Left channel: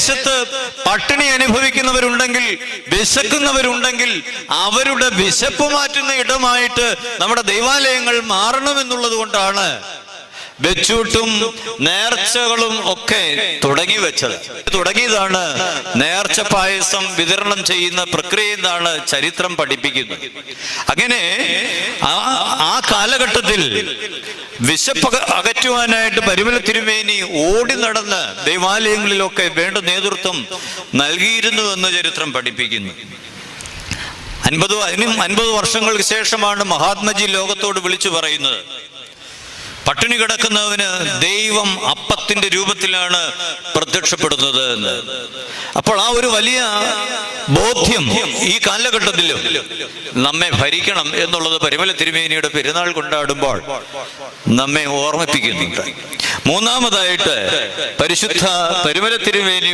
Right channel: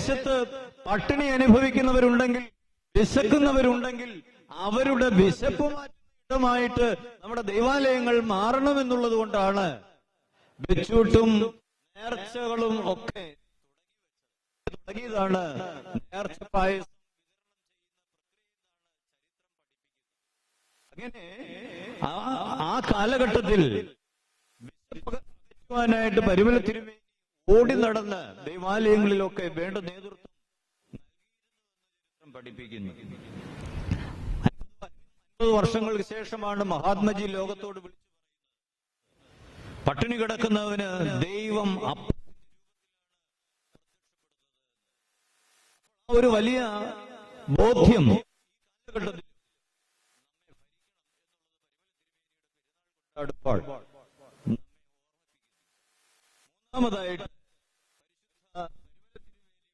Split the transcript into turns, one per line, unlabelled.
ദേശത്ത് പട്ടിണി അനുഭവിക്കുന്നവരുണ്ടെങ്കിൽ വിശക്കുന്നവരുണ്ടെങ്കിൽ അവരുടെ വിശപ്പ് മാറ്റുന്ന ഇടമായിട്ട് നമ്മുടെ ദൈവാലയങ്ങൾ മാറണമെന്നുള്ളത് കൊണ്ടാണ് വെച്ചൂട്ടും നേർച്ചകളും ഒക്കെ തുടങ്ങി വെച്ചത്. തുടങ്ങിയതാണ് നേർച്ച പായസം വിതരണം ചെയ്യുന്ന പ്രക്രിയ എന്നാണ് ചരിത്രം പഠിപ്പിക്കുന്നത്. അങ്ങനെ ആ കാലഘട്ടത്തിൽ വിശപ്പ് അകറ്റുവാനായിട്ട് പരിമല തിരുമേനി ഓടി നടന്ന് ദൈവാലയങ്ങളിലൊക്കെ വേണ്ട നേതൃത്വം നൽകിയിരുന്നു എന്ന് ചരിത്രം പഠിപ്പിക്കുന്നു. അൻപത് അതിനും അൻപത് വർഷങ്ങൾക്ക് ശേഷമാണ് മഹാത്മജി ലോകത്തോട് വിളിച്ചു പറയുന്നത്. പട്ടിണി കിടക്കുന്നവന് ദൈവം അപ്പത്തിന്റെ രൂപത്തിലാണ് പ്രത്യക്ഷപ്പെടുന്നത് എന്ന്. അപ്പോൾ ആ ഒരു വലിയ ബോധ്യം ഈ കാലഘട്ടത്തിലും നമ്മെ ഭരിക്കണം എന്നുള്ളത് പരിമല തിരുമേനിയുടെ പെരുന്നാൾ കൊണ്ടാടുമ്പോൾ നമ്മെ ഓർമ്മിപ്പിക്കുന്നുണ്ട്. മൂന്നാമതായിട്ട് പരിശുദ്ധ പരിമല തിരുമേനി